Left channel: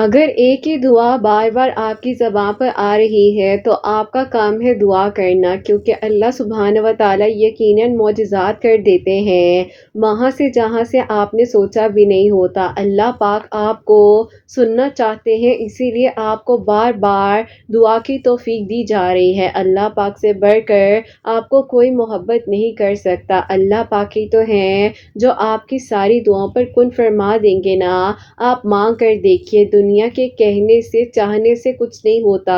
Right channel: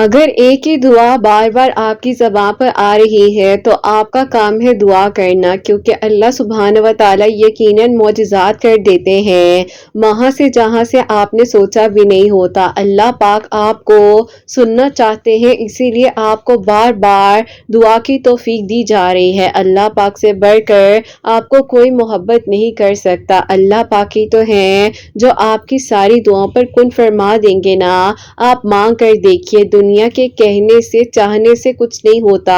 اگر ایک ہی دعا بار بار آپ کی زبان پر آ رہی ہے تو آپ کا کام ہے دعا کرنا، کیونکہ اللہ سبحانہ و تعالیٰ یقیناً معجزات کر دیتے ہیں وہاں سے جہاں سے آپ نے سوچا بھی نہیں ہوتا۔ اللہ پاک آپ کو سننا چاہتے ہیں، اسی لیے آپ کو بار بار دعا کی توفیق دی جا رہی ہے۔ اللہ پاک سے بڑھ کر آپ کو کوئی محبت نہیں کر سکتا۔ اللہ پاک ہی تو ہیں جو آپ کی ساری دعاؤں پر کن فرما دیں گے نا۔ آپ مانگ کر دیکھیے، دنیا کے کہنے سے چاہنے سے کچھ نہیں ہوتا،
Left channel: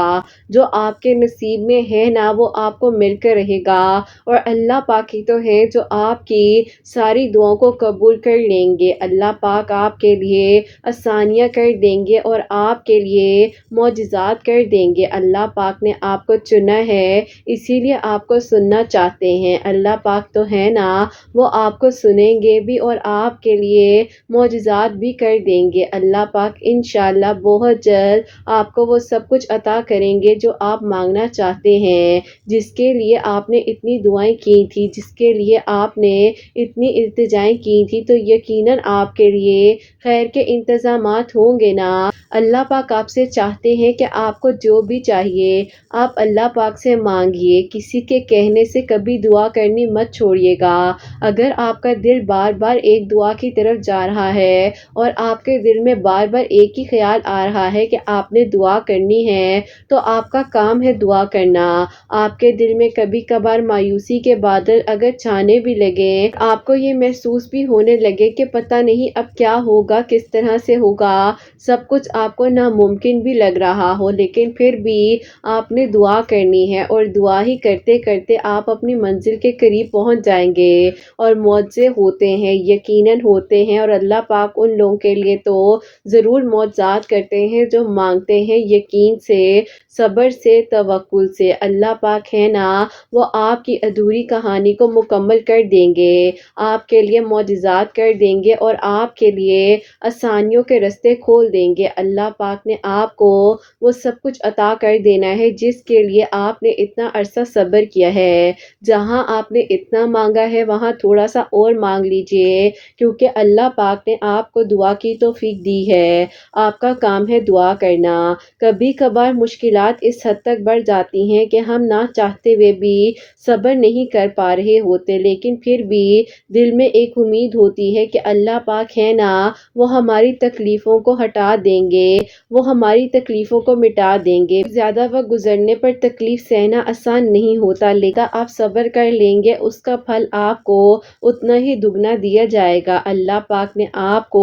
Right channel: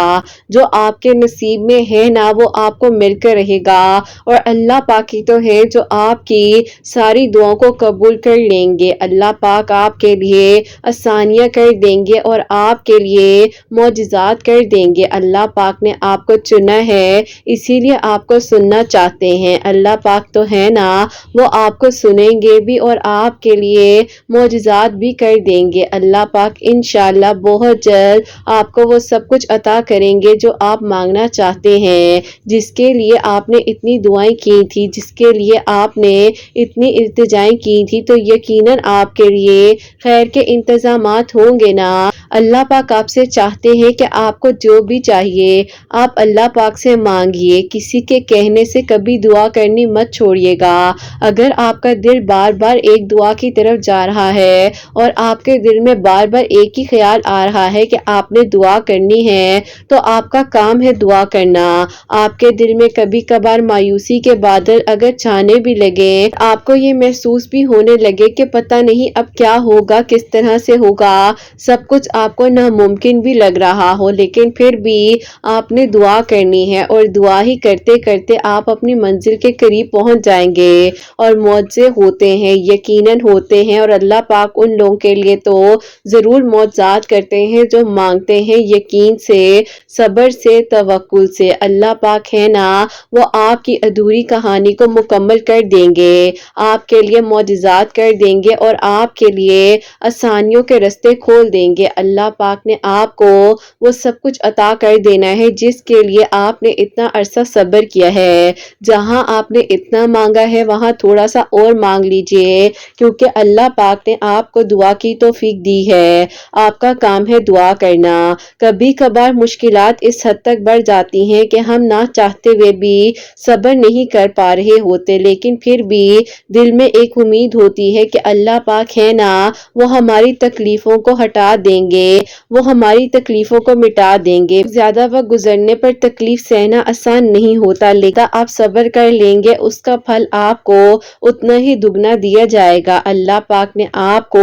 جو آپ کے نصیب میں ہے نا وہ آپ کو مل کر رہے گا۔ اور اللہ پاک ہی تو ہے جو آپ کی ساری دعاؤں کو قبول کر لیں گے۔ اللہ پاک آپ کے لیے آسانیاں کر دیں گے اور آپ کے لیے معجزات کر دیں گے۔ اللہ پاک نے آپ کو چنا ہے، اسی لیے آپ کو سننا چاہتے ہیں۔ اللہ پاک تو ہے نا، وہ آپ کو سنیں گے بھی اور آپ کے لیے معجزات بھی کر دیں گے۔ اللہ پاک انشاءاللہ بہت جلد آپ کو وہ سب کچھ عطا کریں گے جو آپ مانگنا چاہتے ہیں، جس کے لیے آپ نے اتنی دعائیں کی تھی، جس کے لیے آپ نے اتنی التجائیں کی تھی، تو یقیناً آپ کے لیے خیر کے انتظامات ہوں گے نا۔ اللہ پاک آپ سے چاہتے ہیں کہ آپ کو جو بھی چاہیے آپ اللہ پاک سے مانگیے، کسی کے کہنے سے کبھی دعا کرنی مت چھوڑیے گا۔ اگر آپ کا دل بار بار ایک دعا کی طرف جا رہا ہے اور آپ کے دل میں بار بار ایک ہی خیال آ رہا ہے کہ آپ نے دعا کرنی ہے، تو آپ کا کام ہے دعا کرنا۔ آپ کے دل میں کبھی کبھار مایوسی کے بادل اگر چھانے بھی لگے، آپ کو یہ محسوس بھی ہونے لگے کہ پتہ نہیں اب کیا ہوگا، کس طرح سے ہوگا، سب کچھ آپ کو ناممکن بھی لگ رہا ہو، لیکن پھر بھی آپ نے دعا کرنی ہے اور دعا ہی کرتے کرتے آپ اپنی منزل کے قریب پہنچ جائیں گے۔ اور معجزے ہوتے ہیں، یقیناً ہوتے ہیں، اور اللہ پاک ان لوگوں کے لیے تو ضرور معجزات کرتے ہیں جو مانگتے ہیں یقین سے، صبر سے، توکل سے۔ اللہ پاک ہے نا، وہ آپ کی ادھوری کہانی کو مکمل کر دیں گے، آپ کے لیے معجزات کر دیں گے اور آپ کے لیے آسانیوں کے راستے کھول دیں گے۔ اللہ پاک نے آپ کو وہ سب کچھ عطا کر دینا ہے جس کے لیے آپ نے اتنا عرصہ صبر کیا ہے۔ جہاں آپ نے اتنا مانگا ہے وہاں تھوڑا سا اور مانگ لیجئے، کیونکہ اللہ پاک نے آپ کو دعا کی توفیق دی ہے۔ آپ کا کام ہے دعا کرنا۔ کبھی کبھار مشکلات اس حد تک بڑھ جاتی ہیں کہ ہم نہ چاہتے ہوئے بھی صبر نہیں کر پا رہے ہوتے، لیکن پھر بھی دل میں ایک امید ہوتی ہے کہ اللہ پاک ہے نا، وہ ہماری تکلیفوں کو ہٹا دیں گے، وہ ہماری تکلیفوں کو مٹا دیں گے۔ زیادہ وقت گزرنے پر تکلیف سہنا آسان نہیں ہوتا، لیکن آپ صبر کر لیں گے اس کا پھل آپ کو اتنا ہی دگنا دیا جائے گا۔ اللہ پاک نے آپ کو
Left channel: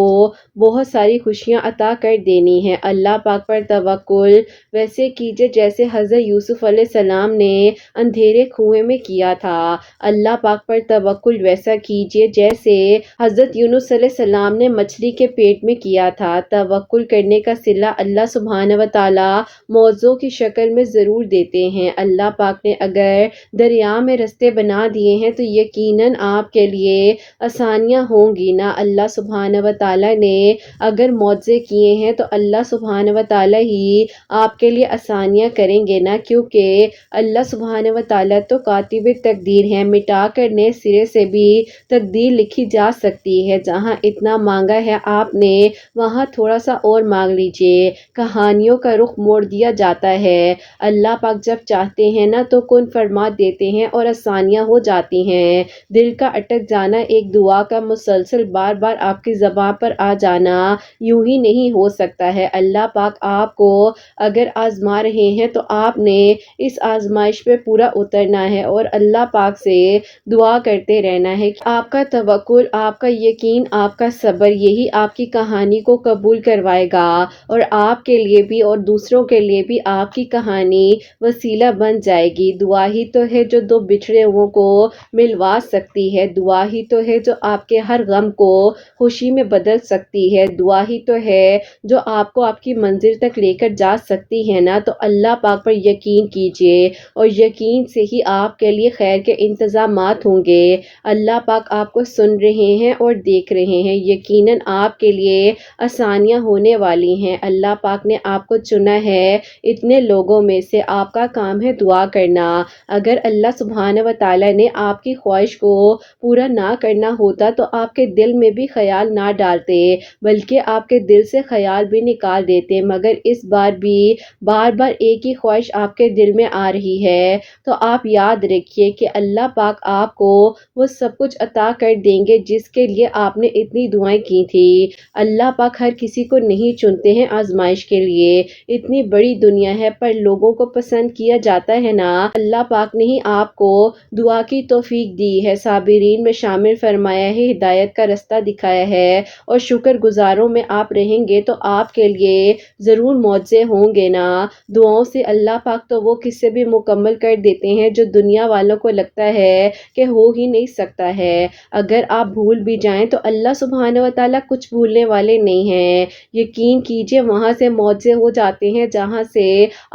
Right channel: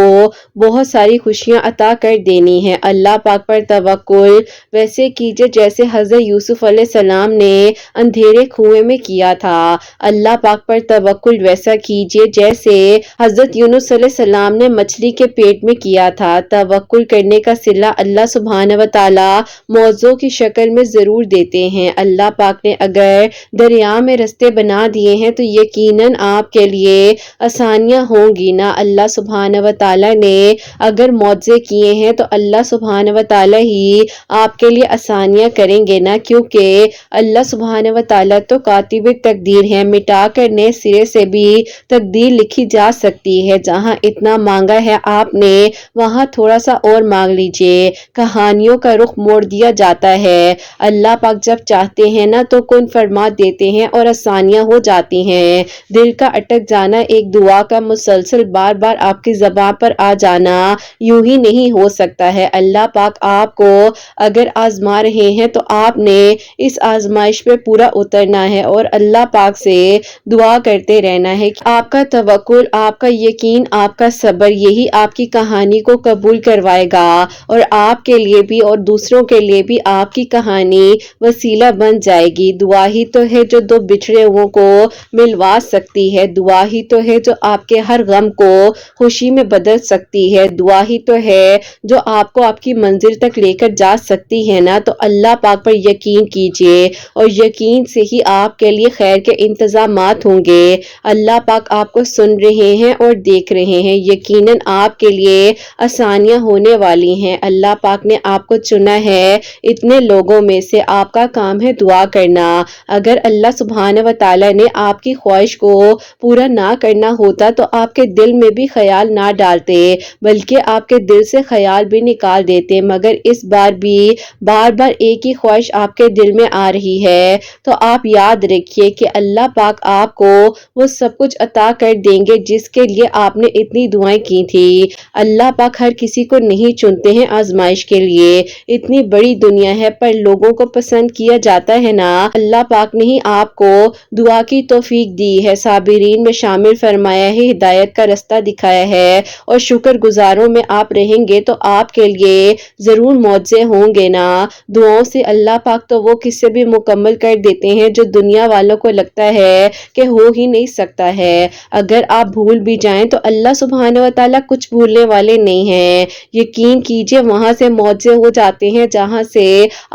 بہت ساری خوشیاں عطا کر دینی ہیں۔ اللہ پاک پر توکل ویسے کیجئے جیسے حضرت یوسف علیہ السلام نے اندھیرے کنویں میں کیا تھا۔ اللہ پاک پر توکل ویسا کیجئے جیسے حضرت یونس علیہ السلام نے مچھلی کے پیٹ میں کیا تھا۔ توکل کرنے کا صلہ اللہ سبحانہ و تعالیٰ معجزوں کی شکل میں ضرور دیتے ہیں۔ اللہ پاک نے اگر دریا میں راستے بنا دیے ہیں تو یقیناً آپ کے لیے آسانیاں ہوں گی نا۔ اللہ سبحانہ و تعالیٰ نے اگر معجزے کیے ہیں تو اللہ سبحانہ و تعالیٰ ہی آپ کے لیے آسانیاں کریں گے نا، کیونکہ اللہ سبحانہ و تعالیٰ تو کاتب تقدیر ہے، مٹا کر نئے سرے سے بھی تقدیر لکھی جا سکتی ہے۔ جہاں اتنا مانگا ہے آپ نے وہاں تھوڑا سا اور مانگ لیجئے۔ کہانیوں کا رخ موڑ دیا جاتا ہے۔ اللہ پاک جب چاہتے ہیں نا تو کن فرما دیتے ہیں اور آسانیاں ہو جاتی ہیں۔ دل کا اٹک جانا، ایک دعا کا مسلسل بار بار آپ کی زبان پر آ جانا یوں ہی نہیں ہو سکتا ہے۔ اللہ پاک آپ کو اگر آزما رہے ہیں تو آپ نے اس آزمائش پہ پورا اترنا ہے اور اللہ پاک سے دعا کرتے رہنا ہے کہ آپ کا توکل، آپ کا یقین، آپ کا صبر یہی آپ کی کہانی کو قبول کروائے گا اور آپ کے لیے بھی اور دوسروں کے لیے بھی آپ کی کہانی وسیلہ بن جائے گی۔ دعا ہی تو ہے جو دو بچھڑے ہوں کو ملوا سکتی ہے، دعا ہی تو ہے جو آپ کے ہر غم کو خوشی میں بدل سکتی ہے، دعا ہی تو ہے جو آپ کو آپ کی منزل تک لے کر جا سکتی ہے نا۔ تو اللہ پاک پر یقین کیجئے اور یقین سے ہی آپ کے لیے خیر کے انتظامات ہوں گے۔ اللہ پاک آپ کو سن رہے ہیں اور دیکھ رہے ہیں، یقیناً آپ کے لیے آسانیاں ہونے والی رہی ہیں. اللہ پاک نے آپ کو چنا ہے اتنے لوگوں میں سے. آپ کا کام ہے دعا کرنا. اگر اللہ سبحانہ و تعالی نے آپ کی خواہش کو پورا نہ کرنا ہوتا تو آپ کے دل میں بھی خیال نہ ڈالتے بلکہ آپ کے دل سے خیال بھی نکال دیتے. مگر اس بار بھی بار بار ایک ہی خواہش آپ کے دل میں آ رہی ہے. تو آپ یاد رکھیے کہ اللہ پاک آپ کو وہ سب کچھ عطا کر دیں گے جس کے لیے آپ نے اتنی دعائیں کی تھی. اللہ پاک ہر کسی کو نہیں چنتے ہیں آزمائش کے لیے. اتنی بڑی دنیا ہے پر لوگوں کو پسند کیا جاتا ہے نا. اللہ پاک نے ہی آپ کو دعا کی توفیق دی ہے. صابرین میں شامل فرمایا ہے, ہدایت کا رستہ دکھایا ہے اور شکر گزاروں میں آپ رہیں گے تو آپ کے لیے ضرور معجزے ہوں گے نا. دعاؤں سے اللہ پاک تو وہ قصے بھی مکمل کر دیتے ہیں جو دنیا والوں کو لگتا ہے کہ ہو ہی نہیں سکتا ہے. اگر آپ بھول بھی جائیں تو اللہ سبحانہ و تعالیٰ کچھ بھولنے والے نہیں ہیں. یقین کیجئے وہاں سے معجزے ہو جاتے ہیں جہاں سے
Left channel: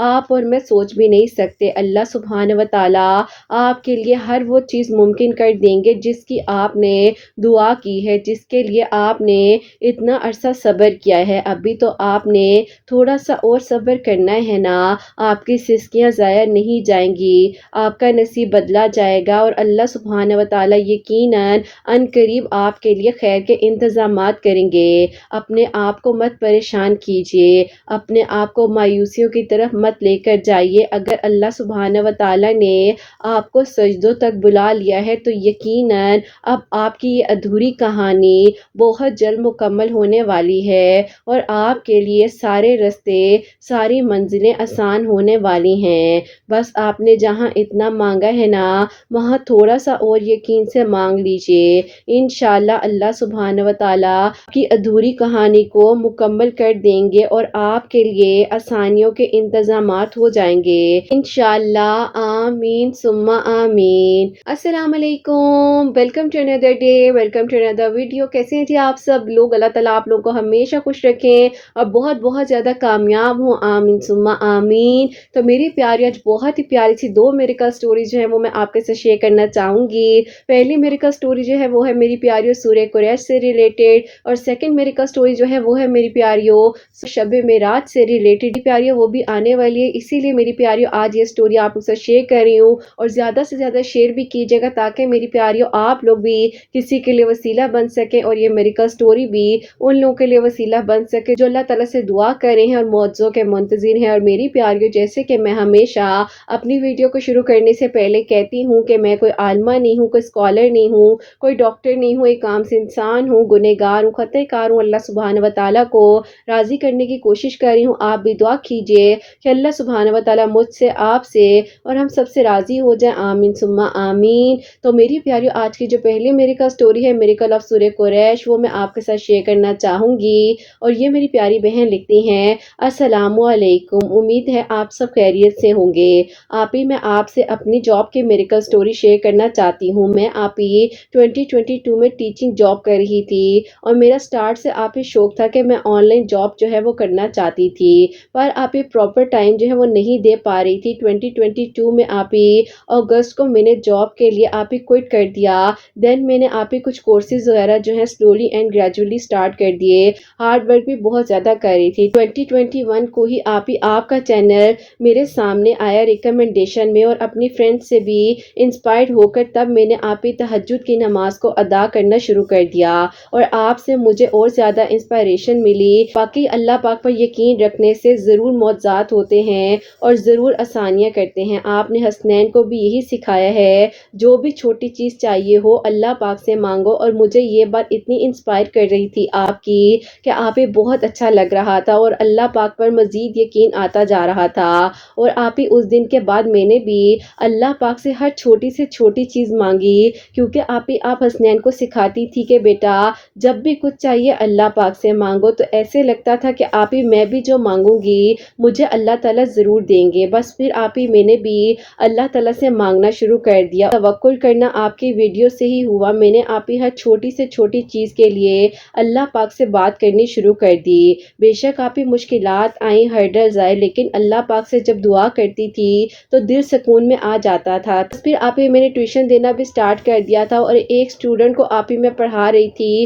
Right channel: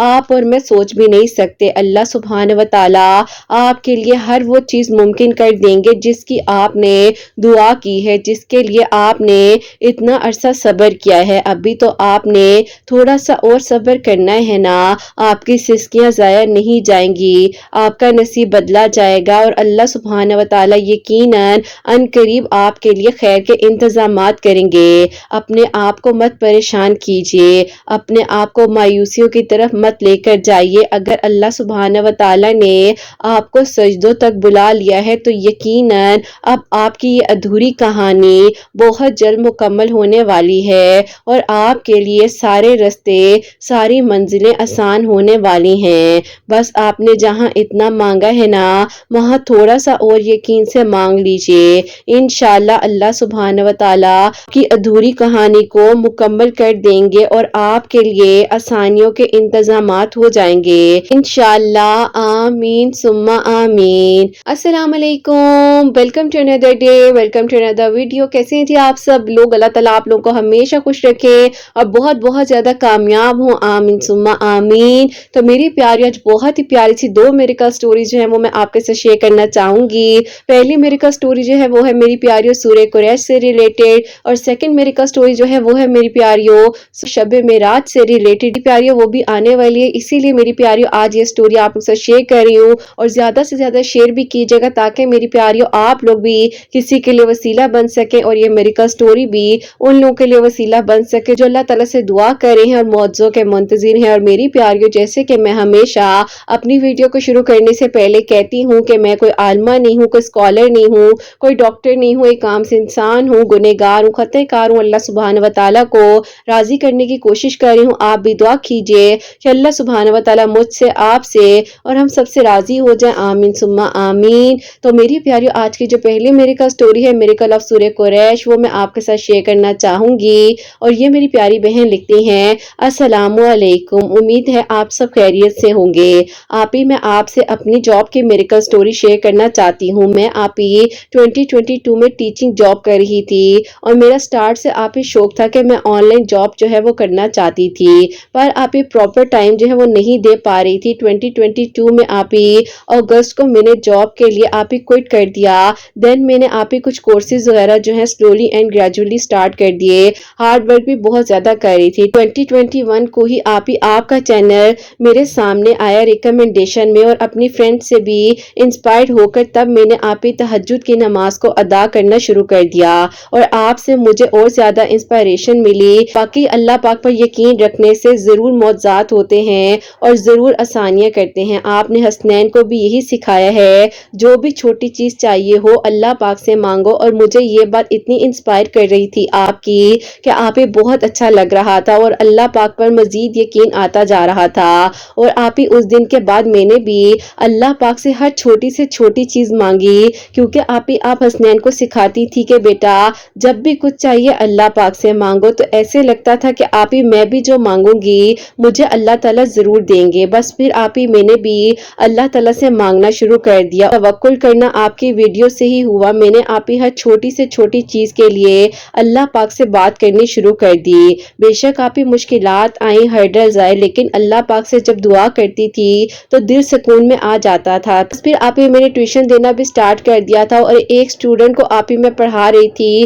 آپ اور میں سوچ بھی نہیں سکتے. اللہ سبحانہ و تعالیٰ آپ کے لیے ہر وہ چیز ممکن کر دیں گے جس کی آپ نے دعا کی ہے, جس کے لیے آپ نے اتنا عرصہ صبر کیا ہے. ابھی تو آپ نے تھوڑا سا اور صبر کرنا ہے نا. آپ کی سسکیاں ضائع نہیں جائیں گی, آپ کا نصیب بدلا جائے گا اور اللہ سبحانہ و تعالیٰ یقیناً ان قریب آپ کے لیے خیر کے انتظامات کریں گے. اپنے آپ کو مت پریشان کیجیے, اپنے آپ کو مایوسیوں کی طرف مت لے کر جائیے. اگر اللہ سبحانہ و تعالیٰ نے آپ کو سجدوں تک بلا لیا ہے تو یقیناً اب آپ کی یہ ادھوری کہانی بہت جلد مکمل ہونے والی ہے اور آپ کے لیے سارے رستے ساری منزلیں آسان ہونے والی ہیں. بس آپ نے جہاں اتنا مانگا ہے نا وہاں تھوڑا سا اور یقین سے مانگ لیجئے. انشاءاللہ اللہ سبحانہ و تعالیٰ کی ادھوری کہانی کو مکمل کر دیں گے اور آپ کے لیے آسانیوں کے انتظامات ہو جائیں گے انشاءاللہ. آمین ثم آمین. السلام علیکم, welcome to another day, welcome to another video. کیسے ہیں جی آپ سب لوگ؟ اللہ تعالیٰ آپ لوگوں کو ہمیشہ خوش رکھے اور بہت بہت زیادہ کامیاب ہوں. آمین ثم آمین. تو میری پیاری آج بہت ہی پیاری سی 2 میریکل سٹوریز جو ہیں وہ میں آپ کے ساتھ شیئر کرنا چاہوں گی. پہلی میریکل سٹوری جو ہے وہ ہے میری پیاریوں سورہ قریش سے ریلیٹڈ اور سیکنڈ میریکل سٹوری جو ہے وہ ہے میری پیاریوں شب معراج سے ریلیٹڈ. پیاریوں وہ بھی آنے والی ہے, اسی لیے میری پیاریوں آج یہ سٹوری آپ لوگ سے شیئر کر رہی ہوں اور زیادہ سے زیادہ شیئر بھی کیجیے گا تاکہ میری پیاریوں آپ لوگ بھی کسی کے لیے وسیلہ بن سکے اور یہ میریکل سٹوری بھی ان لوگوں کے لیے وسیلہ بن سکے جو اللہ تعالیٰ سے دعا کر رہے ہیں اور معجزوں کے منتظر ہیں. اور میری پیاریوں جیسے کہ میں ہمیشہ اپنی ویڈیو کو شروع کرنے سے پہلے کہتی ہوں کہ میں کوئی عالمہ نہیں ہوں, کوئی اسکالر نہیں ہوں, کوئی ڈاکٹر نہیں ہوں, ایک عام سے انسان ہوں, گنہگار ہوں, خطا کار ہوں. اللہ سبحانہ و تعالیٰ کو راضی کرنے کی کوشش کر رہی ہوں. آپ بھی دعا کیجئے کہ اللہ سبحانہ و تعالیٰ مجھ سے, آپ سے اور ہم سب سے راضی ہو جائیں. آمین ثم آمین. تو میری پیاریوں آج کی جو پہلی میریکل سٹوری ہے میریکل آف سورہ قریش وہ میں آپ کے ساتھ شیئر کرنا چاہوں گی. اور یہ میری پیاری بہن لکھتی ہیں, السلام علیکم, امید ہے آپ سب خیریت سے ہوں گے. آپ ہی میں آپ سے اپنی جاب کی میریکل سٹوری شیئر کرنا چاہتی ہوں. میں آپ ہی 2022 میں ٹیچنگ جاب کر رہی تھی اور میرا سٹارٹ سے آپ ہی شوق تھا کہ میں آن لائن جاب جو ہے وہ کرنا چاہتی تھی پر آپ ہی پراپر ٹائم جو ہے وہ نہیں دے پا رہی تھی. 2022 میں آپ ہی اگست کو میں نے جاب کے لیے آپ ہی کوئٹ کر دیا. دین میں نے آپ ہی کچھ کورسز وغیرہ جو ہے سلولی اینڈ گریجولی سٹارٹ کر دیے. ہارڈ ورک بھی بہت زیادہ کر رہی تھی. 2021 کو ہی آپ کا چینل میرے سامنے آیا ریکمنڈیشن میں اور اپنی فرینڈ سے بھی انسپائرڈ ہو کر تب میں نے آپ ہی تہجد کی نماز کو ادا کرنا شروع کر دیا اور آپ سے مجھے اور زیادہ انسپائریشن ملی. باقی اللہ پاک پر یقین رکھنے سے ضرور معجزات ہوتے ہیں اور ضرور آسانیاں کرتے ہیں. آپ نے حسنین کو بھی یہی سکھایا ہے, جو بھی چھوٹی چیز چاہیے ہو اللہ پاک سے مانگو. اور مجھے یہ بات اتنی انسپائر کر رہی تھی آپ کی کہ آپ ہی بہت اچھا لگ رہا تھا اور اللہ پاک پر مزید یقین آتا جا رہا تھا. اور آپ ہی اس دن کے بعد میں نے بھی اللہ پاک سے ہر چھوٹی سے چھوٹی چیز مانگی کیونکہ آپ حسنین کو سکھاتی تھی کہ بیٹا جب بھی کچھ چاہیے اللہ پاک سے مانگو. تو ایسے لگتا تھا کہ آپ ہی میں بھی جو مانگوں گی مجھے اللہ تعالیٰ ضرور دیں گے. بس پھر آپ ہی میں نے بھی اللہ تعالیٰ سے مانگنا شروع کر دیا. توکل کرنا آپ کی ویڈیو سے ہی ہوا. میں نے آپ ہی ہر چھوٹی سے چھوٹی چیز کے لیے اللہ پاک سے بات کرنی شروع کر دی. بے شک آپ ہی مشکلات آئیں, ہرڈلز آئے, لیکن اللہ پاک سے جب دعا کرتی تھی تو دل سکون میں آ جاتا تھا. پھر آپ ہی میں نے ٹیوشن دینا بھی سٹارٹ کر دیا تھا اور ایک اسٹوڈنٹ کو آپ ہی میں پڑھا رہی تھی,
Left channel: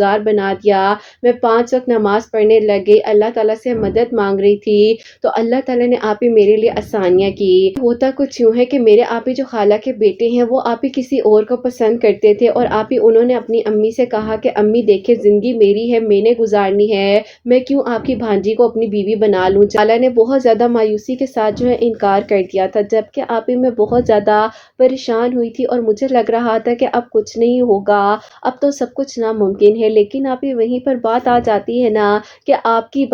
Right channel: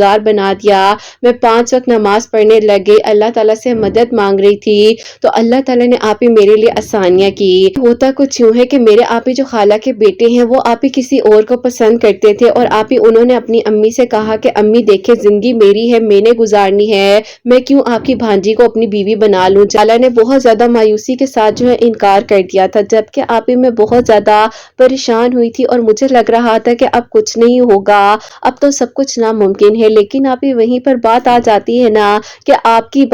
گزار بنا دیا. میں 5 وقت نماز پڑھنے لگ گئی, اللہ تعالیٰ سے مدد مانگ رہی تھی تو اللہ تعالیٰ نے آپ ہی میرے لیے آسانیاں کی. ہوتا کچھ یوں ہے کہ میرے آپ ہی جو خالہ کے بیٹے ہیں وہ آپ ہی کسی اور کو پسند کرتے تھے, اور آپ ہی انہوں نے اپنی امی سے کہا کہ امی دیکھیں زندگی میری ہے, میں نے گزارنی ہے, میں کیوں آپ کی بھانجی کو اپنی بیوی بنا لوں. خالہ نے بہت زیادہ مایوسی کے ساتھ جو ہے انکار کر دیا تھا, جبکہ آپ ہی میں بہت زیادہ پریشان ہوئی تھی اور مجھے لگ رہا تھا کہ اب کچھ نہیں ہوگا, اب تو سب کچھ ناممکن ہے. لیکن آپ ہی وہیں پر بات آ جاتی ہے نا کہ آپ کی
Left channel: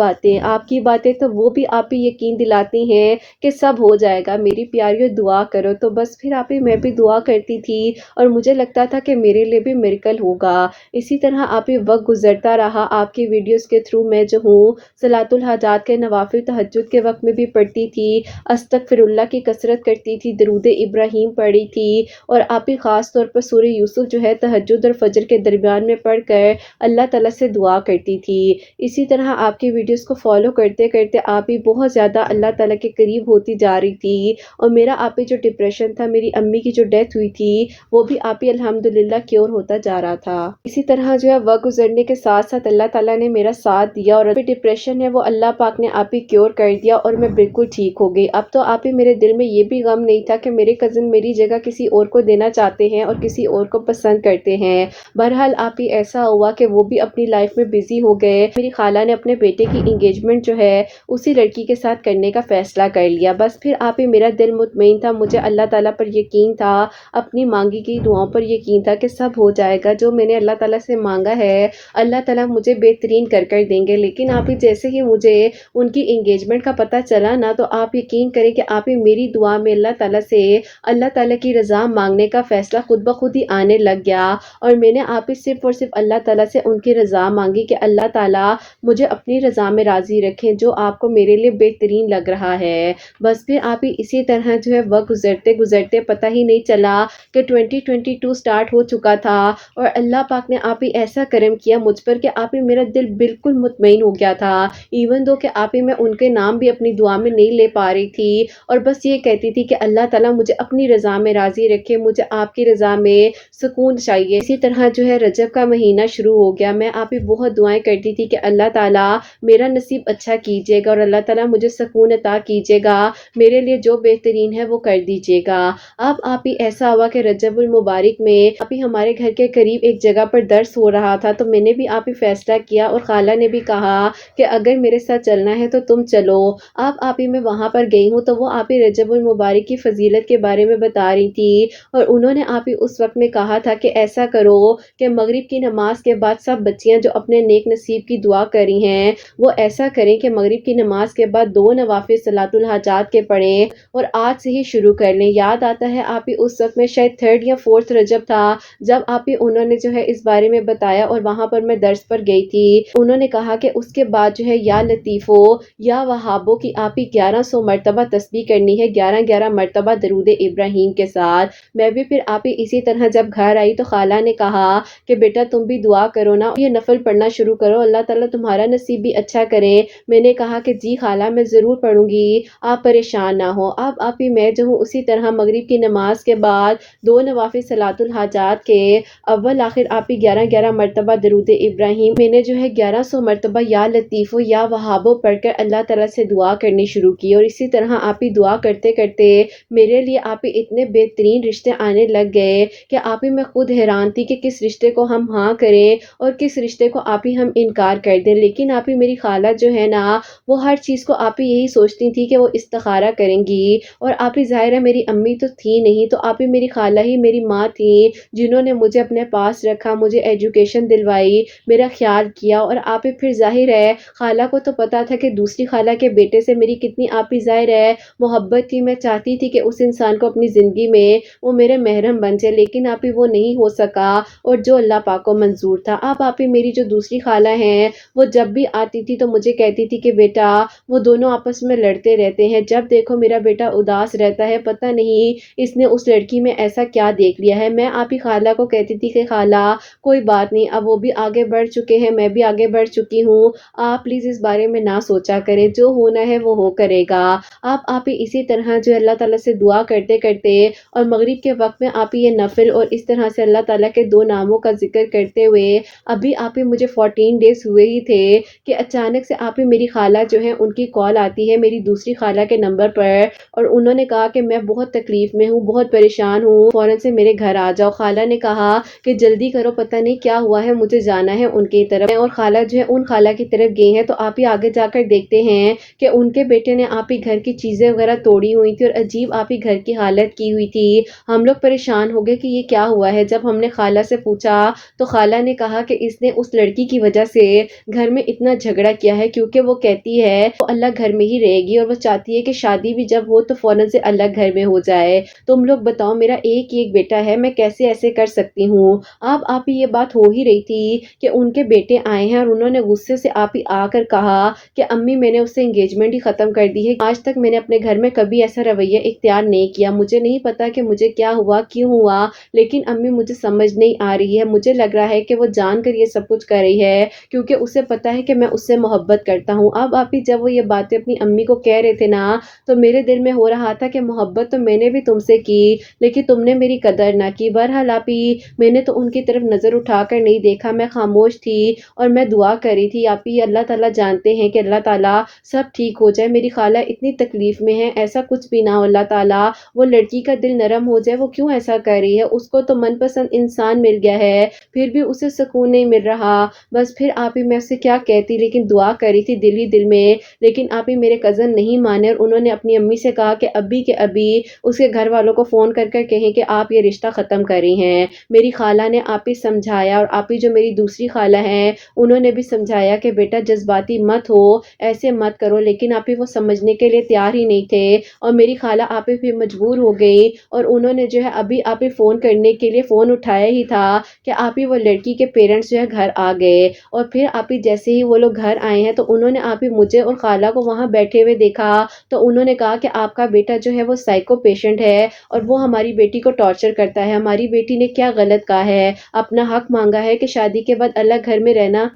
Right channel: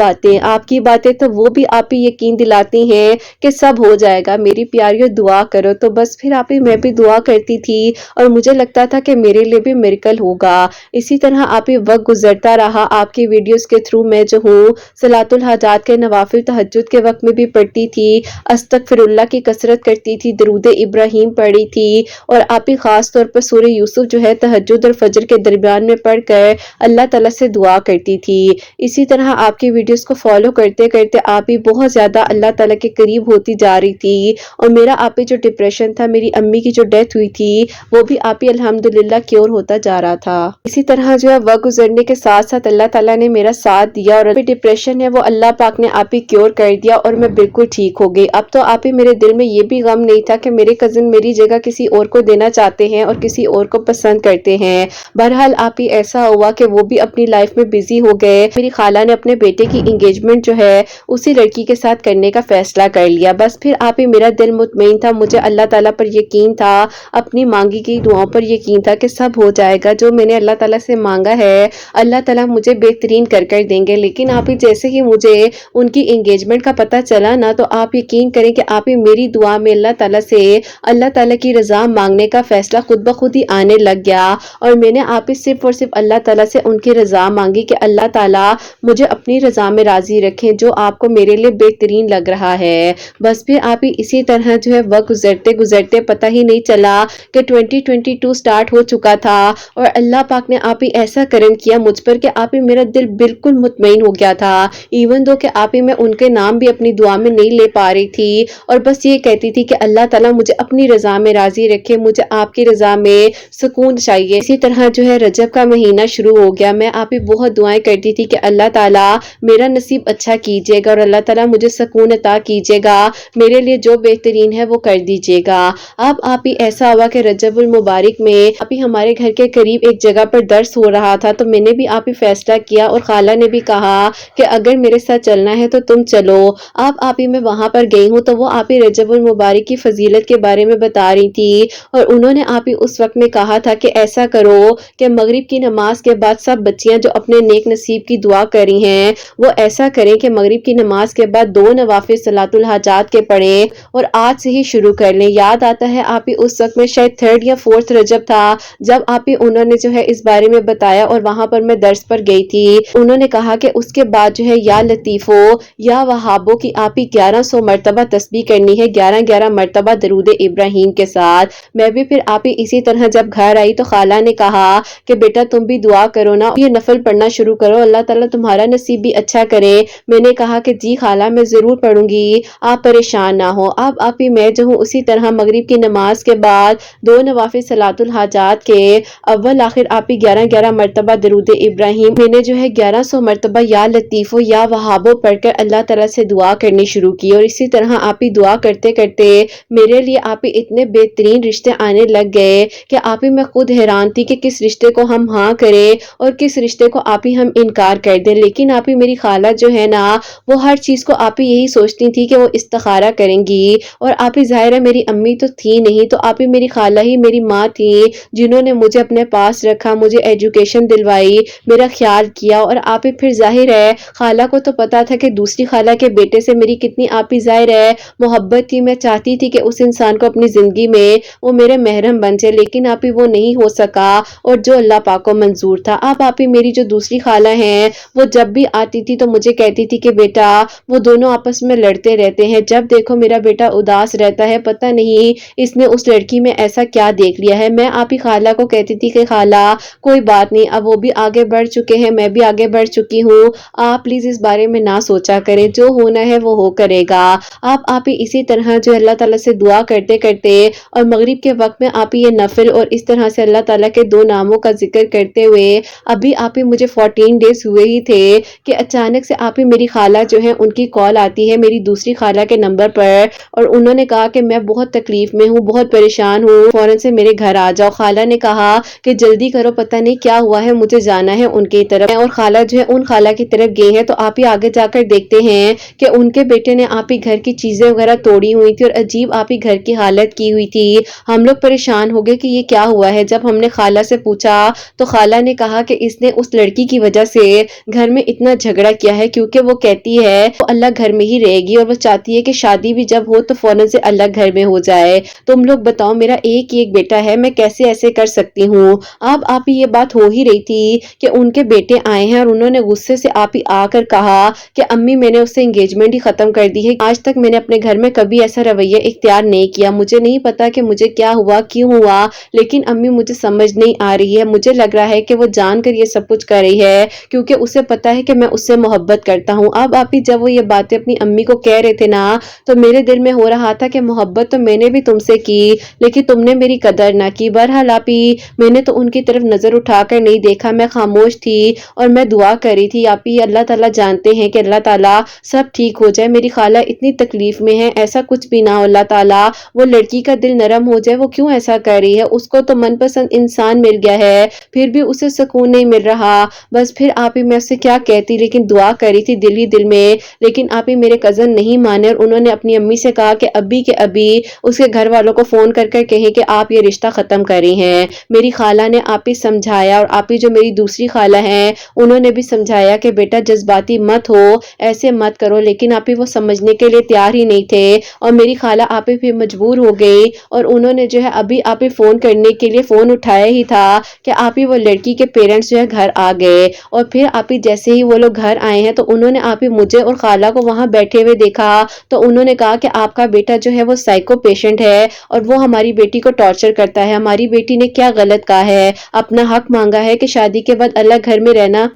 باتیں تو وہ بھی آپ ہی یقین دلاتی ہیں کہ سب ہو جائے گا. میری پیاریوں دعا کرو. تو بس پھر آپ ہی میں بھی دعا کرتی تھی اور مجھے لگتا تھا کہ میرے لیے بھی میریکل ہوگا. اسی طرح آپ ہی وقت گزرتا رہا, آپ کی ویڈیوز کے تھرو میں جو ہوں صلاۃ الحاجات کے نوافل تہجد کے وقت میں بھی پڑھتی تھی, استغفر اللہ کی کثرت کرتی تھی, درود ابراہیم پڑھی تھی, اور آپ ہی خاص طور پر سورہ یوسف جو ہے تہجد اور فجر کے درمیان میں پڑھ کر اللہ تعالیٰ سے دعا کرتی تھی. اسی طرح آپ کی ویڈیوز کو فالو کرتے کرتے آپ ہی بہت زیادہ اللہ تعالیٰ کے قریب ہوتی جا رہی تھی, اور میرا آپ ہی جو ڈپریشن تھا, میری امی کی جو ڈیتھ ہوئی تھی وہ بھی آپ ہی الحمدللہ کیور ہوتا جا رہا تھا. اسی طرح جو ہے وقت گزرنے کے ساتھ ساتھ اللہ تعالیٰ نے میرا ساتھ دیا, اور ڈپریشن ہے وہ اللہ پاک نے آپ ہی کیور کر دیا اور میں بالکل ٹھیک ہو گئی. اب تو آپ ہی میرے دل میں یہ بھی غم نہیں تھا کہ میرے کزن میری جگہ کسی اور کو دینا چاہتے ہیں اور کسی اور کو پسند کرتے ہیں. بہرحال آپ ہی ایسا ہوا کہ وہ بھی اپنی لائف میں بزی ہو گئے. میری خالہ نے اپنے بیٹے کی انگیجمنٹ جو ہے اسی لڑکی کے ساتھ کرنے کا فیصلہ کر لیا. بس پھر آپ ہی میرا دل مطمئن تھا, مجھے اللہ تعالیٰ پر یقین تھا, اپنی مانگی گئی دعاؤں پر یقین تھا کہ سب ہو جائے گا. جو میں نے اللہ تعالیٰ سے مانگا ہے اللہ تعالیٰ مجھے بہترین کر دیں گے. لیکن آپ ہی جیسے ہی مجھے ان کی انگیجمنٹ کا پتہ چلا نا, تو آپ یقین کریں کہ آپ ہی میری دعا میں اللہ تعالیٰ سے اللہ تعالیٰ کی رضا مانگنے کا فیصلہ خود بخود ہی آنے لگ گیا, اور میں نے آپ ہی صرف اور صرف اللہ تعالیٰ سے ان کی رضا مانگی کہ اللہ تعالیٰ مجھے اپنی رضا میں راضی رکھیں جو آپ کو میرے لیے بہترین لگ رہا ہے. بس پھر آپ ہی اسی طرح جو ہے وقت گزرتے گزرتے پتہ ہی نہیں چلا کہ 2022 سٹارٹ ہو چکا تھا, اور اللہ پاک نے آپ ہی ایسا کرم کیا مجھ پر کہ آپ ہی میرا دل بالکل مطمئن ہو گیا تھا. ایون دو کہ آپ ہی میں ان کے نام بھی اپنی دعا میں نہیں لے پا رہی تھی, اور بس یہ کہتی تھی کہ اللہ تعالیٰ مجھے اپنی رضا میں راضی رکھے, مجھے آپ کی رضا میں سکون چاہیے. اسی طرح جو ہے رجب کا مہینہ شروع ہو گیا. میں آپ ہی بہت دعائیں کرتی تھی کہ اللہ تعالیٰ میرا نصیب اچھا کیجیے گا, اور اللہ تعالیٰ مجھے سکون عطا کیجیے گا, میرے لیے جو بہترین ہے وہ کر دیجیے گا. اب آپ ہی ایسا ہوا کہ رجب المبارک میں آپ ہی ہمارے گھر کے قریب ایک جگہ پر درس ہو رہا تھا, تو میں نے بھی آپ ہی فیصلہ کیا, اور خالہ نے بھی کہا کہ اگر میرے ساتھ چلنا ہے تو تم چلو. اب آپ ہی میں وہاں پر گئی ہوں, تو وہ آپ ہی رجب المبارک کی فضیلت کے بارے میں بتا رہی تھی, اور انہوں نے آپ ہی اس وقت میں کہا تھا کہ ایسا کرو کہ مغرب کی نماز کے بعد سب بچیاں جو اپنے نیک نصیب کی دعا کری ہیں وہ ایسا کریں کہ مغرب کی نماز کے بعد 2 نوافل صلاۃ الحاجات کے پڑھیں, اور آج سے ہی شروع کر لیں. یاد آتا ہے آپ ہی اس وقت میں شاید 3rd یا 4th رجب تھا جب آپ ہی انہوں نے جو ہے اس بارے میں بتایا, اور وہاں پر میں درس پر گئی تھی. انہوں نے کہا کہ اس کے بعد جو ہے یا لطیفو یا وہابو کی آپ ہی 1100 مرتبہ تسبیح کرنی ہے, 11 مرتبہ درود ابراہیم کے ساتھ. میں بھی پھر آپ ہی اسی طرح جب گھر آئی تو خالہ نے کہا کہ بیٹا تم بھی دعا کرو نا, یہ نفل پڑھنا شروع کرو, اللہ تعالیٰ تمہارا نصیب بھی اچھا کرے. میں نے کہا کہ جی خالہ میں ضرور پڑھوں گی, آپ پریشان نہ ہو. اب آپ ہی میں جو ہوں اسی طرح مغرب کی نماز کے بعد 2 نوافل صلاۃ الحاجات کے اول آخر آپ ہی 11 مرتبہ درود ابراہیم, میں نے جو ہے 1100 مرتبہ یا لطیفو یا وہابو پڑھ کر اللہ تعالیٰ سے دعا کرنی شروع کی. اور اسی طرح آپ ہی دعا کرتے کرتے میرے لیے آپ ہی اتنے بہترین رشتے آنے لگ گئے کہ آپ ہی میں خود حیران تھی کہ کس رشتے کو ہم ہاں کریں اور کس رشتے کو آپ ہی ہم انکار کر دیں. لیکن آپ ہی میری خالہ جو ہے نا وہ ہر چیز کو آپ ہی یہی سوچتی تھی کہ وہ استخارہ کریں گی, اور آپ ہی ظاہر ہے میری امی تو تھی نہیں, تو آپ ہی میری خالہ ہی میری ماں تھی جنہوں نے مجھے اپنے پاس رکھا, مجھے ایجوکیشن دلوائی, میرا خیال کیا. اور آپ ہی پھر ظاہر ہے خالہ کو تو پتا تھا کہ دوسری خالہ کے بیٹے سے میری کتنی آپ ہی ظاہر ہے محبت تھی. میں چاہتی تھی کہ اس انسان کو اپنی زندگی میں وہ میرے محرم بن جائے, لیکن آپ ہی وہ نہیں ہو سکا, اور جو اللہ پاک کو منظور تھا. اب آپ ہی میری جو دوسری خالہ ہیں وہ جب بھی آتی تھی تو مجھے کہتی تھی کہ بیٹا وہ دونوں آپس میں لڑتے رہتے ہیں, جب دیکھو میرا بیٹا اداس رہتا ہے, پتہ نہیں اس نے اس لڑکی میں ایسا کیا دیکھ لیا ہے. میں آپ ہی خالہ کو کہتی تھی کہ خالہ کوئی بات نہیں, اب وہ بھی آگے بڑھ چکے ہیں, میں بھی آگے بڑھ چکی ہوں, آپ پلیز اس بارے میں نہ سوچا کریں, جو ہونا ہے وہ ہو کرے گا. آپ ہی اسی طرح جو اللہ تعالیٰ سے دعا کرتے کرتے اور مغرب کے وقت میں آپ ہی یہ نفل اور اس طرح سے اللہ تعالیٰ کے 2 ناموں کا ذکر کرتے ہوئے ابھی آپ ہی مجھے 14 ڈیز ہوئے ہی تھے کہ اچانک سے آپ ہی میری خالہ جو ہے ان کی کال آتی ہے میری دوسری خالہ کے نمبر پر، اور انہوں نے کہا کہ میں بہت تکلیف میں ہوں، بہت پریشان ہوں، فوراً سے میرے گھر آ جاؤ۔ خالہ نے کہا کہ جلدی کرو، پتہ نہیں کیا ہوا ہے، مجھے جانا ہے ان کی طرف، اور خالہ جو ہے ان خالہ کی طرف گئی ہے۔ تو آپ ہی آگے جا کر دیکھتے ہیں کہ ان کے بیٹے نے آپ ہی گھر کی چیزیں وغیرہ توڑی ہوئی تھی اور عجیب آپ ہی گھر کی حالت کی ہوئی تھی۔ ہم لوگ پریشان ہو گئے کہ یہ کیا ہوا ہے۔ جب ہم نے خالہ سے پوچھا تو خالہ نے کہا کہ اس نے اس لڑکی کی وجہ سے گھر میں اتنا جھگڑا کیا ہے، کیونکہ وہ کہتی ہے وہ اللہ گھر میں ہی رہے گی، اور وہ چاہتی ہے کہ شادی بھی جب ہو تو فوراً سے اللہ گھر میں ہو جائے۔ تم لوگ بتاؤ، میرا ایک ہی ایک بیٹا ہے، میں کیسے ایسے کر سکتی ہوں۔ اب آپ ہی یہ بات ہو ہی رہی تھی کہ ان کے بیٹے آئے ہیں اور انہوں نے غصے سے آپ ہی آ کر کہا کہ امی میں نے اس سے انگیجمنٹ ہی ختم کر دی ہے، آج تک میں نے اپنے گھر میں کبھی ایسا رویہ اختیار نہیں کیا، مجھے نہیں پتا کہ مجھے کیا ہوا کیوں ہوا، لیکن امی مجھے سمجھ نہیں آ رہی ہے، مجھے لگ رہا ہے کہ وہ جان کر یہ سب کچھ کر رہی ہے کیونکہ اسے پتا ہے کہ میں اس سے محبت کرتا ہوں۔ اب آپ ہی جب وہ یہ باتیں اپنی امی کو کہہ رہے تھے نا تو میرے دل میں ہو رہا تھا کہ محبت تو میں نے بھی تم سے کی لیکن تم نے میری قدر نہ کی۔ بہرحال آپ ہی میں نے تو ان کی طرف نظر اٹھا کر نہیں دیکھا، میں خاموش تھی اور میں دعا کر رہی تھی۔ آپ ہی اللہ تعالیٰ جانتے ہیں کہ اللہ تعالیٰ سب ٹھیک ہو جائے، میری خالہ اتنی تکلیف میں ہے، ایسا کچھ بھی نہ ہو اللہ تعالیٰ، وہ لڑکی کا دل نرم ہو جائے، وہ کیوں ایسا کر رہی ہے، اس کو تو من پسند انسان مل گیا ہے پھر بھی اسے سکون نہیں مل رہا۔ بس پھر آپ ہی میں اسے کیا کہتی، لیکن دعا کری تھی دل ہی دل میں، لیکن آپ ہی میرے کزن نہیں مانے اور انہوں نے اپنی امی سے کہا کہ ابھی کے ابھی اس کے گھر والوں کو فون کر کر کہیں کہ آپ یہ رشتہ ختم کر رہی ہیں۔ میری خالہ نے آپ ہی سمجھایا اور آپ ہی جو میری دوسری خالہ ہیں انہوں نے بھی سمجھایا کہ بیٹا جذباتی مت ہو، ایسے مت کرو، لیکن آپ ہی وہ سمجھنے کے لیے تیار ہی نہیں تھے اور میری خالہ آپ ہی پھر مجبور ہو گئی اور انہوں نے جو ہے ابھی آپ ہی فون کرنے کے لیے فون اٹھایا ہی تھا کہ آپ ہی وہ لڑکی کے پیرنٹس جو ہے گھر آ گئے، اور پھر آپ ہی جیسے ہی وہ لوگ گھر آئے ہیں تو انہوں نے آپ ہی مجھے اور خالہ کو وہاں بیٹھے ہوئے دیکھا تو انہوں نے کہا کہ آپ کا بیٹا جو ہے وہ سائیکو پیشنٹ ہے اور وہ ہماری بیٹی کو ٹارچر کرتا ہے، ہماری بیٹی نے کیا غلط کہا ہے، اپنا حق مانگا ہے کہ شادی کے بعد الگ گھر میں رہنا،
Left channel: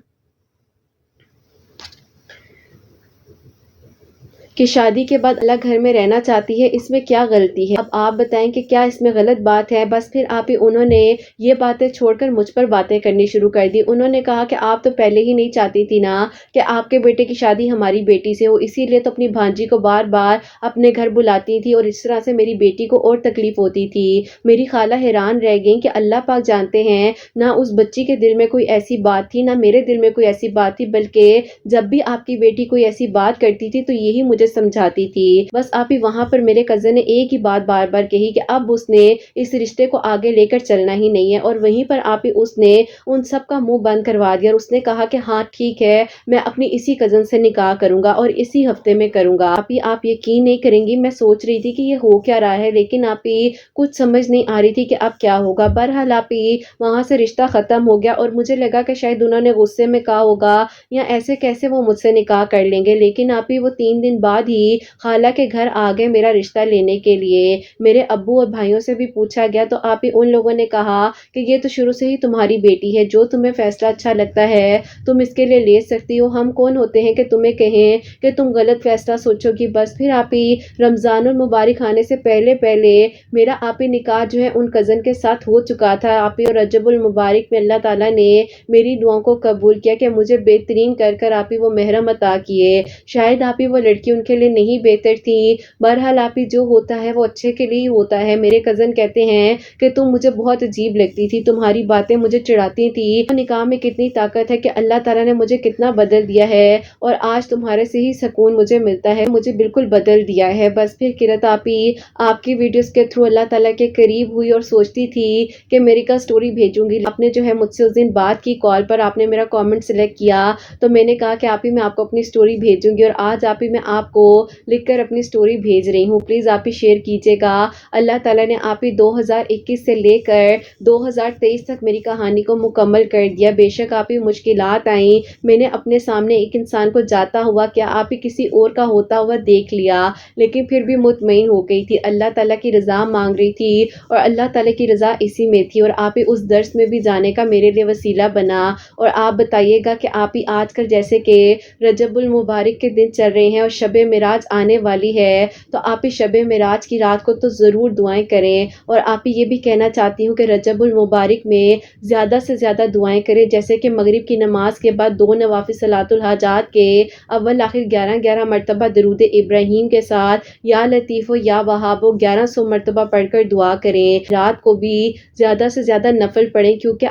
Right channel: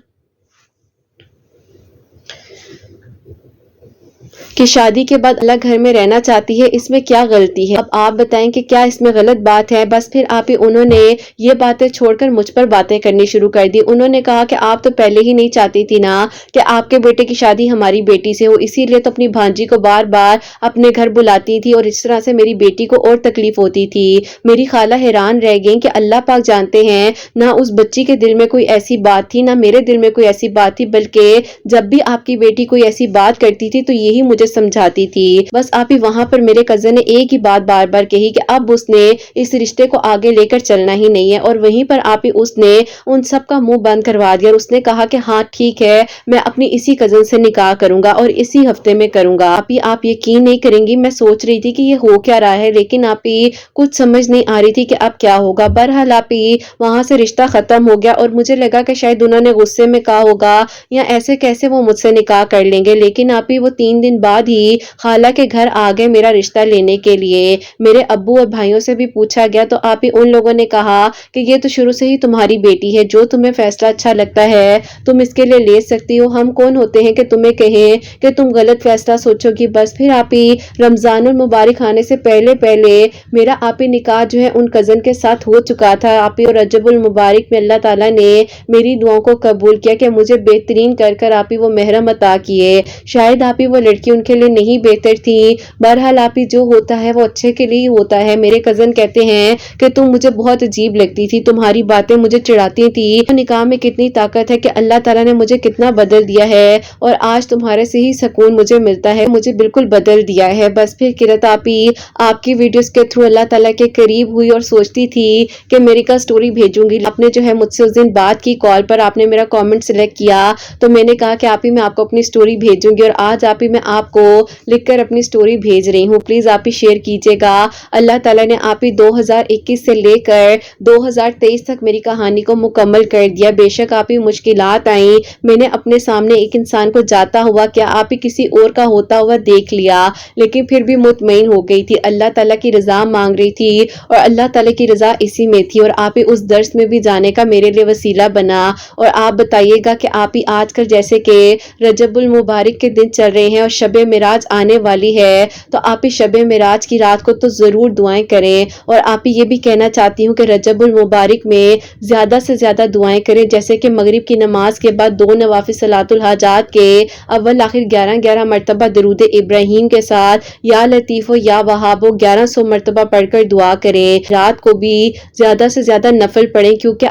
کہ شادی کے بعد الگ گھر میں رہنا چاہتی ہے، اس میں کیا غلطی ہے، اب آپ بتائیں کہ کیا اس میں غلط بات ہے۔ بس پھر آپ ہی انہوں نے یہ باتیں چھوڑ کر مجھ پر باتیں کرنی شروع کر دی۔ انہوں نے کہا کہ آپ تو پہلے ہی نہیں چاہتی تھی نا کہ آپ کے بیٹے کی شادی ہماری بیٹی سے ہو، اسی لیے تو اپنی بھانجی کو بار بار اپنے گھر بلاتی تھی اور اس طرح سے میری بیٹی کو اور تکلیف ہوتی تھی۔ میری خالہ حیران رہ گئی کہ اللہ پاک جانتے ہیں نہ اس بچی کے دل میں کوئی ایسی بات تھی نہ میرے دل میں کوئی ایسی بات تھی، بلکہ جب بھی آپ کی بیٹی کوئی ایسی بات کرتی تھی تو یہی مجھے سمجھاتی تھی۔ بس آپ ہی وہاں پر میرے کزن نے ایک ہی بات بار بار کہی کہ اب اس نے اس رشتے کو آگے لے کر چلنا ہی نہیں ہے، اور وہیں پر آپ ہی اس نے ان سب کا منہ بند کروا دیا اور اس نے کہا کہ ہاں ٹھیک ہے میں اپنی اسی کزن سے نکاح کروں گا اور اسی ہفتے میں کروں گا۔ آپ یقین نہیں کریں گی، میں سوچ رہی تھی کہ یہ ہو کیا رہا ہے، لیکن آپ ہی کچھ سمجھ نہیں آ رہی تھی کہ اب کیا ہوگا۔ بہرحال آپ ہی وہاں سے رشتہ ختم ہو گیا اور مجھے لگا کہ شاید انہوں نے غصے میں کہا ہوگا یا ایسے کیسے وہ مجھ سے نکاح کر لیں گے، لیکن آپ ہی وہ 3 دن بعد ہی خالہ کے گھر آ گئے میرا رشتہ لینے کے لیے۔ میرے ابو اور بھائیوں سے بھی پوچھا گیا تو آپ ہی ان لوگوں نے کہا کہ یہ تو شروع سے ہی تمہاری بیٹی ہے، جو تمہیں فیصلہ اچھا لگتا ہے تم اس کے لیے لے سکتی ہو، ہم کون ہوتے ہیں کہ تمہیں کہیں کہ تم غلط فیصلہ سوچو گی۔ بس پھر آپ ہی رمضان المبارک آنے سے پہلے پہلے میرا آپ ہی نکاح جو ہے ان کزن کے ساتھ ہو چکا تھا۔ آپ ہی اور رجب المبارک میں اللہ تعالیٰ نے میری دعاؤں کو قبول کیا کہ مجھے بہترین کر کر آپ ہی وہ محرم عطا کیے۔ شاید آپ ہی وہ لڑکی ان کے لیے نہیں بہتر تھی، بہرحال آپ ہی جو ہوتا ہے وہ اچھے کے لیے ہوتا ہے۔ میرے کزن کہتے ہیں کہ تم مجھے بہت عجیب لگتی تھی، تمہاری باتیں مجھے چڑھاتی تھی، نکاح میں کتنی طاقت ہے کہ اللہ تعالیٰ نے مجھے کتنا بدل دیا ہے اور آج تمہارے سے ہی سکون مجھے ملتا ہے، مجھے بالکل بدل دیا ہے۔ بس پھر کرت آپ ہی آپ کی ویڈیوز کے تھرو اللہ تعالیٰ کے قریب ہوئی اور سوچتی تھی کہ امریکہ سٹوری بھیجوں گی۔ آپ نے جو ہے مجھ سے اس دن بات کی کال پر، آپ نے میرا کامنٹ سلیکٹ کیا تو میں نے کہا کہ آپ ہی میں آپ کو اپنی سٹوری بھیجوں گی، اور آج آپ ہی میں آپ کو لکھ کر اپنی سٹوری بھیج رہی ہوں، پلیز آپ ہی شیئر کیجئے گا۔ اللہ تعالیٰ نے آپ ہی 2021 سے لے کر 2023 تک میری کہانی کو مکمل کر دیا۔ بے شک آپ ہی مشکلات آئیں، میں نے اپنے سامنے ایک انسان کو جاتا ہوا کیا آپ ہی کسی اور کا ہوتا ہوا دیکھ لیا، لیکن پھر بھی مطمئن ہو گئی تھی، اللہ تعالیٰ کی رضا مانگ رہی تھی اور اللہ تعالیٰ کی رضا اسی میں تھی، اور آپ ہی اس درس میں بھی جانے کا میرے لیے وسیلہ بنا۔ اور آپ بتائیے گا کہ آپ ہی آج کل جیسے کہ رجب المبارک کے دن چل رہے ہیں اور شب معراج آنے والی ہے تو آپ شب معراج کی رات کو تو ضرور دعائیں کریں، اور آپ یہ بھی کہنا چاہتی ہوں کہ رجب المبارک میں زیادہ سے زیادہ دعائیں کریں، جیسے کہ مغرب کی نماز کے بعد 2 نوافل صلاۃ الحاجات کے اول آخر 11 مرتبہ درود ابراہیم کے ساتھ یا لطیف و یا وہاب 1100 مرتبہ پڑھ کر دعا کریں۔ رات کو بھی زیادہ سے زیادہ نفل پڑھیں، کیونکہ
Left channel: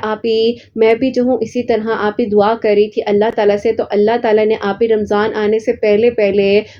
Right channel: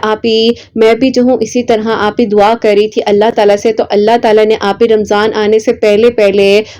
میں بھی جو ہوں اسی طرح آپ دعا کر رہی تھی اللہ تعالیٰ سے، تو اللہ تعالیٰ نے رمضان آنے سے پہلے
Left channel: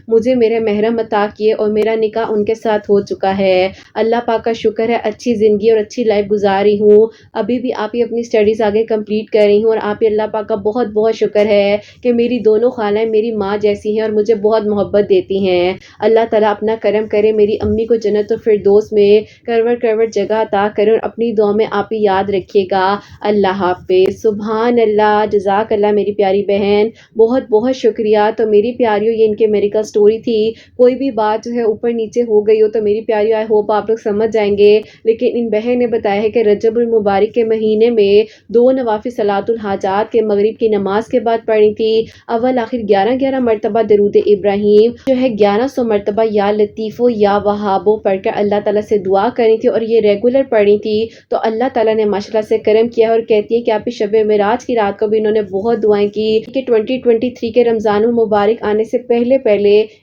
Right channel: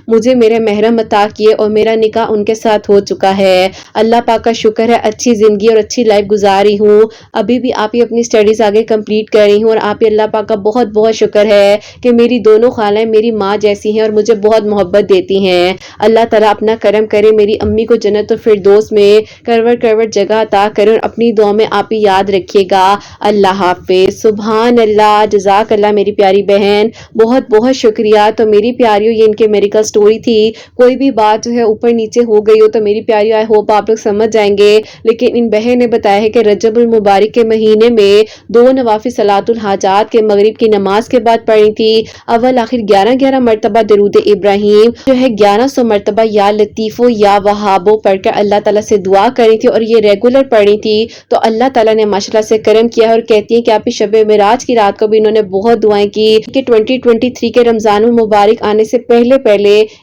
مجھے میرے محرم عطا کیے اور میرا نکاح ان کے ساتھ ہو چکا ہے۔ اللہ پاک کا شکر ہے، اچھی زندگی اور اچھی لائف گزاری ہوں، ابھی بھی آپ اپنی سٹڈیز آگے کمپلیٹ کر رہی ہوں، اور آپ اللہ پاک کا بہت بہت شکر ہے کہ میری دونوں خالیں میری ماں جیسی ہیں اور مجھے بہت محبت دیتی ہیں۔ اللہ تعالیٰ اپنا کرم کرے، میری امی کو جنت الفردوس میں کروڑ جگہ عطا کرے، اور اپنی دعا میں آپ یاد رکھیے گا۔ اللہ حافظ۔ سبحان اللہ، جزاک اللہ میری پیاری بہن، بہت بہت شکریہ۔ تو میری پیاریوں، یہ ان کے میریکل سٹوری تھی، کوئی بھی بات جو ہے اوپر نیچے ہو گئی ہو تو میری پیاریوں آئی ہوپ آپ لوگ سمجھ جائیں گے، لیکن ان بہن نے بتایا ہے کہ رجب المبارک کے مہینے میں 2 نوافل صلاۃ الحاجات کے مغرب کی نماز کے بعد پڑھی تھی، اول آخر 11 مرتبہ درود ابراہیم جو ہے 1100 مرتبہ یا لطیفو یا وہابو پڑھ کر اللہ تعالیٰ سے دعا کری تھی، اور یہ ریگولر پڑھی تھی، تو اللہ تعالیٰ نے ماشاءاللہ سے کرم کیا ہے، اور کہتی ہیں کہ آپ شب معراج کی رات کو بھی انہوں نے بہت دعائیں کی کہ 2023 کے رمضان المبارک آنے سے پہلے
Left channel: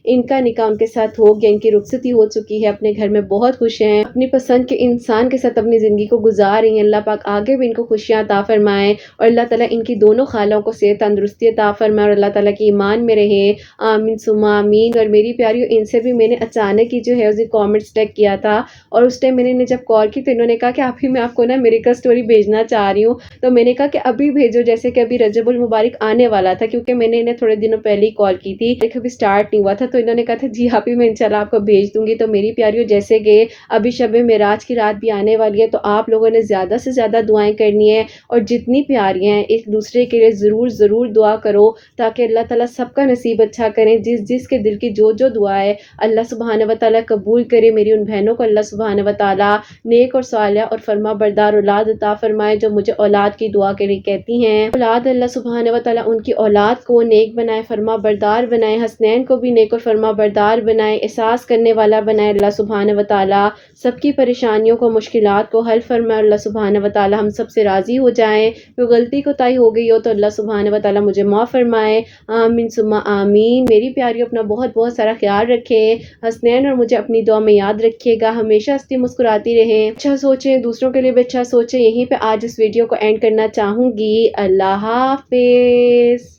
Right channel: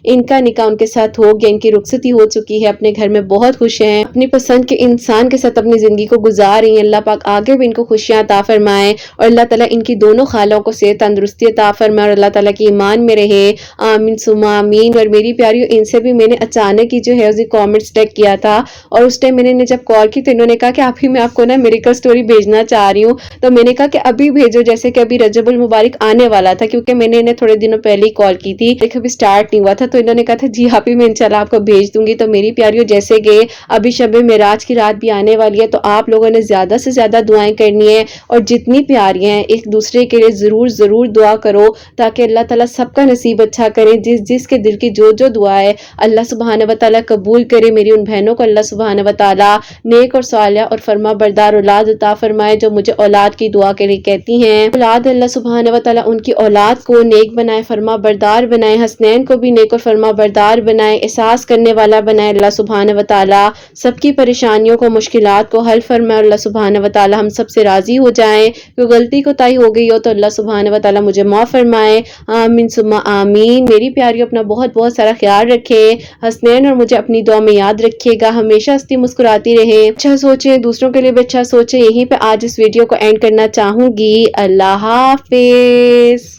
ان کا نکاح ان کے ساتھ ہو گیا، ان کی رخصتی ہو چکی ہے، اپنے گھر میں بہت خوش ہیں، اپنی پسند کے انسان کے ساتھ اپنی زندگی کو گزار رہی ہیں۔ اللہ پاک آگے بھی ان کو خوشیاں عطا فرمائے، اور اللہ تعالیٰ ان کی دونوں خالوں کو صحت تندرستی عطا فرمائے، اور اللہ تعالیٰ کی ایمان میں رہے، آمین ثم آمین۔ اور میری پیاریوں، ان سے بھی میں نے اچانک ہی جو ہے اسی کامنٹس ٹیگ کیا تھا، اور اس ٹائم میں نے جب کال کی تو انہوں نے کہا کہ ابھی میں آپ کو نا میریکل سٹوری بھیجنا چاہ رہی ہوں، تو میں نے کہا کہ ابھی بھیجو، جیسے کہ ابھی رجب المبارک آنے والا تھا، کیونکہ میں نے انہیں تھوڑے دنوں پہلے ہی کال کی تھی، لیکن ابھی سٹارٹ نہیں ہوا تھا، تو انہوں نے کہا تھا جی ابھی میں انشاءاللہ آپ کو بھیج دوں گی۔ تو میری پیاریوں، جیسے کہ ابھی شب معراج کی رات بھی آنے والی ہے، تو آپ لوگوں نے زیادہ سے زیادہ دعائیں کرنی ہے، اور جتنی پیاری ہیں ایک دوسرے کے لیے ضرور دعا کرو، تاکہ اللہ تعالیٰ سب کا نصیب اچھا کرے، جس کے دل کی جو دعا ہے اللہ سبحانہ و تعالیٰ قبول کرے۔ میری ان بہنوں کو اللہ سبحانہ و تعالیٰ نیک اور صالحہ اور فرما بردار اولاد عطا فرمائے، جو مجھے اولاد کی دعا کے لیے کہتی ہیں۔ اولاد اللہ سبحانہ و تعالیٰ ان کی اولاد کو نیک بنائے، فرما بردار بنائے، حسنین کو بھی نیک اور فرما بردار بنائے، احساس کرنے والا بنائے اللہ سبحانہ و تعالیٰ، سب کی پریشانیوں کو مشکلات کو حل فرمائے، اللہ سبحانہ و تعالیٰ ہم سب سے راضی ہو جائیں، کوئی غلطی کوتاہی ہو گئی ہو تو اللہ سبحانہ و تعالیٰ مجھے معاف فرمائے، آمین ثم آمین۔ میری پیاریوں، اپنا بہت سارا خیال رکھے، حسنین اور مجھے اپنی دعا میں یاد رکھیے گا، ہمیشہ ہنستی مسکراتی رہیں، اچھا سوچیں، دوسروں کے لیے بھی اچھا سوچیں۔ یہیں پہ آج اس ویڈیو کو اینڈ کرنا چاہوں گی۔ اللہ حافظ۔